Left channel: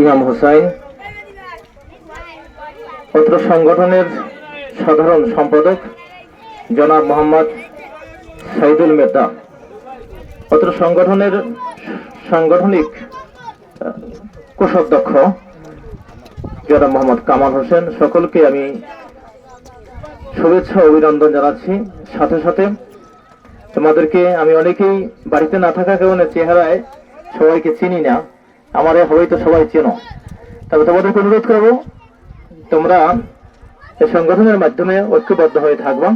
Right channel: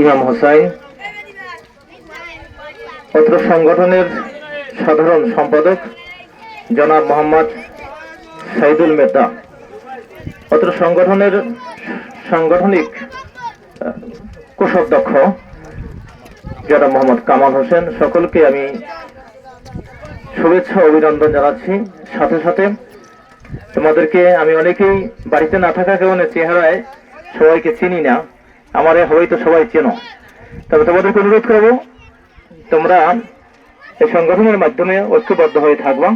ইমাম হোসাইন। অত্র সংগঠনের সাধারণ সম্পাদক জনাব মোহাম্মদ সাইদুল মেতা অত্র সংগঠনের সাংগঠনিক কোষাধ্যক্ষ জনাব মোহাম্মদ কামাল হোসেন। সকলকে আমি শুভেচ্ছা অভিনন্দন জানাচ্ছি। সাথে সাথে তোমাদেরকে আমি অনেকেই বাড়িতে না থাকা কারণে চেহারায় সবাইকে চিনি না। আমারে হয়তো সবাই চেনো। তবে তোমাদেরকে অনুরোধ করব, তোমরা এই সংগঠনের মাধ্যমে ঐক্যবদ্ধ হয়ে থাকবা।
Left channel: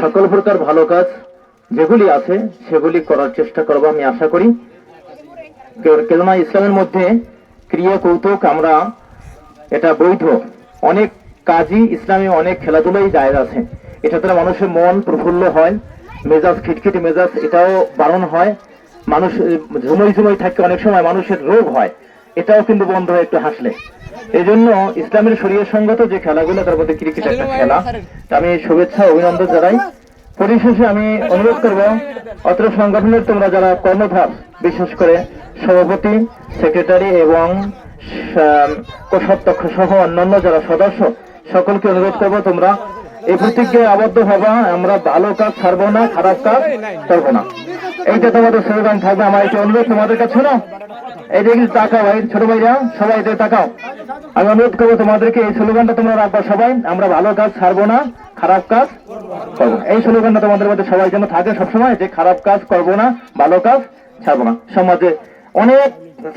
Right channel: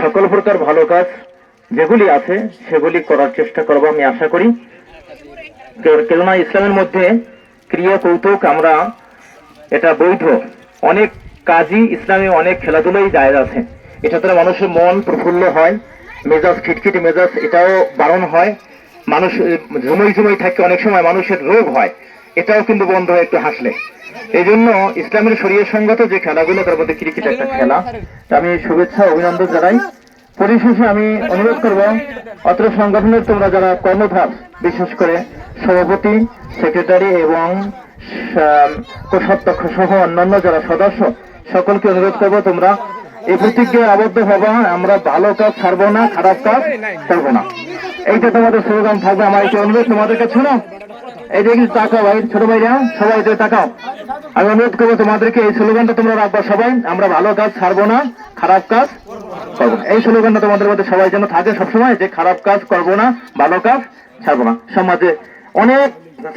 সকল প্রকার ভালো কাজ যেগুলি আছে, সেগুলি করার চেষ্টা করব আমি আশা করি। কেননা ইসলামের মধ্যে ক্রিয়া কৌতুক আমরা এটা বৈধ। অনেক কাজই ইসলামে অনেক খেলাধুলাই জায়গা আছে। এটা দ্বারা মানুষের মন প্রফুল্ল হয়, মেজাজ খিটখিটে মেজাজ, এটাও বারণ হয়। মানুষ ঝুমই ঝুমই থাকে, অনেক সময় মানুষের রোগ হয়। এটাও কিন্তু বন্ধ হয় একটু হাসলে। এই জন্য ইসলামের শরীয় সঙ্গত যে খেলাগুলো, তার মধ্যে ক্রিকেট একটা খেলা। আমি শুভেচ্ছা, অভিনন্দন জানাই। পরিশেষে আমি অনুরোধ করব, অত্র সংগঠনের তোমরা যারা কর্ণধার, বিশেষ করে সভাপতি, সেক্রেটারি এবং কোষাধ্যক্ষ সহ অন্যান্য যারা সদস্য, সকলকে অনুরোধ করব তোমরা, এই প্রতিজ্ঞায় আবদ্ধ হবা, আমরা ভালো কাজ ছাড়বো না, খারাপ কাজ করব না। এইটা তোমাদের স্লোগান থাকবে আমার একটু অনুরোধ, তোমাদের কাছে না এই দেখি তাকাও ভাই, ছোট ভাইরা সবাই এটা তাকাও। আমি অনুরোধ করব তোমাদেরকে, এই স্লোগানটা তোমরা রাখবা সবাই। আমরা ভালো কাজ ছাড়বো না, খারাপ কাজ করব এই স্লোগানটা তোমাদের মধ্যে সবাই যেন থাকে সবসময়, যে খারাপ কাজ করব না, ভালো কাজ ছাড়বো না। সমাজে অনেক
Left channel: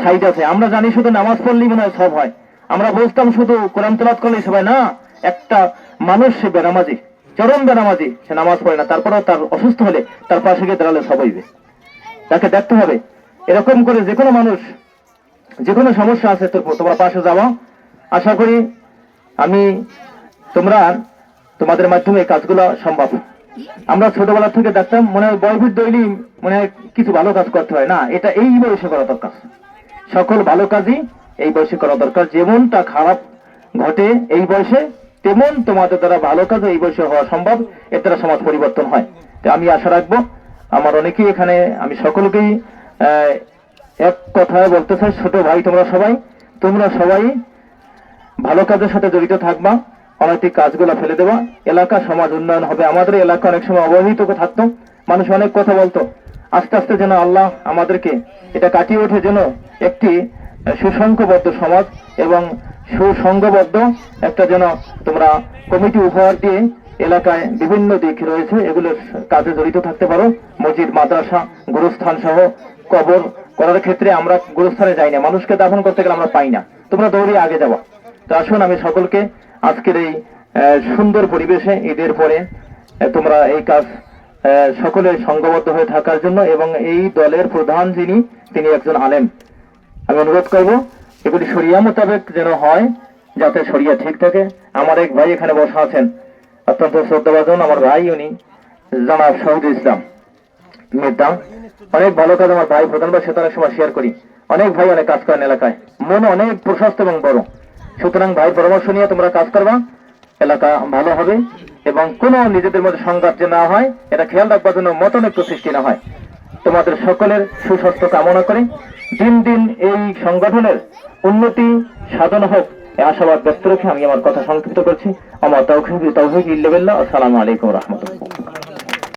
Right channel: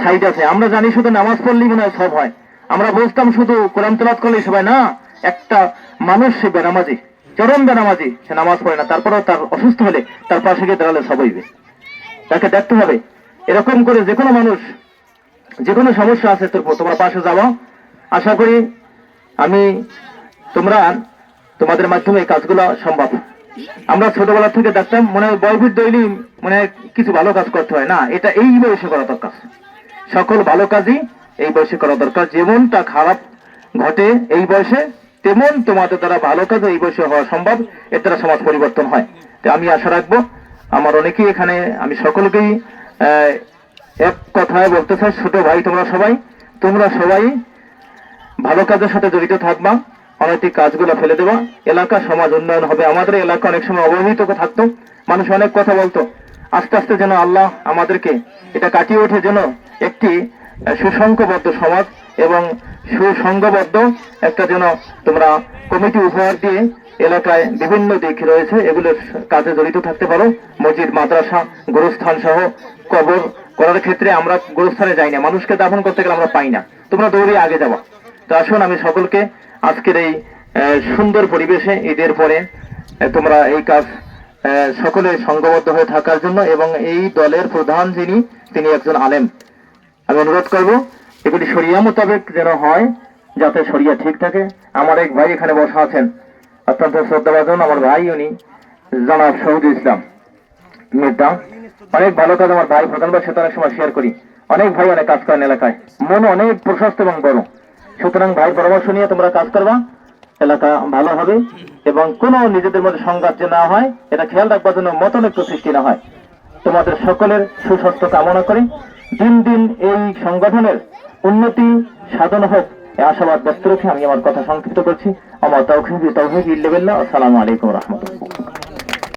সাইড আছে, আমরা জানি শুধু নামাজ পড়লেই মনে হয় সব হয়। আমরা বুঝতাম শুধু কোরআন তেলাত করলেই সবাই না, একটা মানুষ সে বেনামাজি। চরম বেনামাজি সে নামাজ পড়ে না, তারপরেও তার অসুস্থ হলে তার পাশে গিয়ে দাঁড়ালে সব হইবে। তাকে দেখতে হবে। এরকম করে যে কোনো মানুষ, যে কোনো সমস্যা আছে, তোর তোমার পাশে যাওয়া আশা করি আমি তোমরা তোমাদের মাধ্যমে এই কাজগুলো সম্ভব। আমরা ছোটবেলা থেকে দেখতাম, মনে হয় বয়ফির দৈলি মনে কিছু ভালো কাজ করতে হয়। না, এটা এই বয়সে করা দরকার। সকল ভালো কাজই এই বয়সে করা দরকার। যেমনটা খারাপ ঘটে এই বয়সে তেমন তোমাদের দ্বারা ভালো কাজ এই বয়সে হওয়া সম্ভব এর দ্বারা সমাজ পরিবর্তন হয়। তো আমি আশা রাখব আমার অনেকেই এখানে আমি সকলকেই এক কথায় বলতে চাই ছোট ভাই তোমরা সবাই তোমরা সবাই ভালো কাজের সাথে জড়িত থাকবা অনৈতিক কাজগুলো ফেলে দেবা। এলাকা সমাজ উন্নয়ন হবে। আমাদের এলাকা অনেক সময় অবহেলিত থাকতো মানুষ অনেক কথা বলতো। আস্তে আস্তে যেন আল্লাহ আমাদেরকে এটা কাটিয়ে ওঠে যেন একটি আহ, সুসংঘবদ্ধ সমাজ এবং সুসংঘবদ্ধ। একটা যেন তোমরা কমিটি উপহার দিয়ে এলাকায় বিভিন্ন দিক রয়েছে এগুলোর কাজে জড়িত থাকতে পারো। মসজিদ, মাদ্রাসা গুরুস্থান সহ কবর করার ক্ষেত্রে আমরা গুরুস্থানে যাই না। মানুষকে দাফন করতে গেলে আমরা পাই না। তোমরা দৌড়ে আগে যাওয়া তো আসুন, আমি সকলকে আজকের এই সুন্দর পরিবেশে ঈদের পরে তোমরা এই কাজ সকলে সংঘবদ্ধ হয়ে থাকার জন্য এবং এই দলের প্রধান যিনি, তিনি একজন আলেম। আমি অনুরোধ করব এগুলি সরিয়া মোতাবেক যেন হয়, যাতে সরিয়া ঠিক থাকে। আমার এক ভাই এখানে বসা আছেন। অত্যন্ত শ্রদ্ধাভাজন আমার ভাই, উনি জানাব শহীদ ইসলাম। নেতা অনেক ভালো কাজ আমার ভাই প্রধানবার অনেক সময় শেয়ার করি। অনেক ভাই অনেক কাজ করেন এলাকায়। মন অনেক প্রশস্ত এবং বড়। সুতরাং ভাই, পরামর্শ নিয়ে তোমরা কাজ করবা। এলাকা ভালো হবে এবং কোনো নিজেদের মধ্যে সংঘাত যে না হয়, এটা খেয়াল রাখবার জন্য মতনৈক্য সৃষ্টি না হয়। তোমাদের সকলের সুস্বাস্থ্য কামনা করে। দিন দিন এই সংগঠনের উন্নতি, সাধন হোক। আশাবাদ ব্যক্ত রেখে আমি আমার কথা সংক্ষিপ্ত করছি। আমার তৌহিদ তৌহিদ ইল্লাবিল্লাহ। আসসালামু আলাইকুম রহমতুল্লাহ।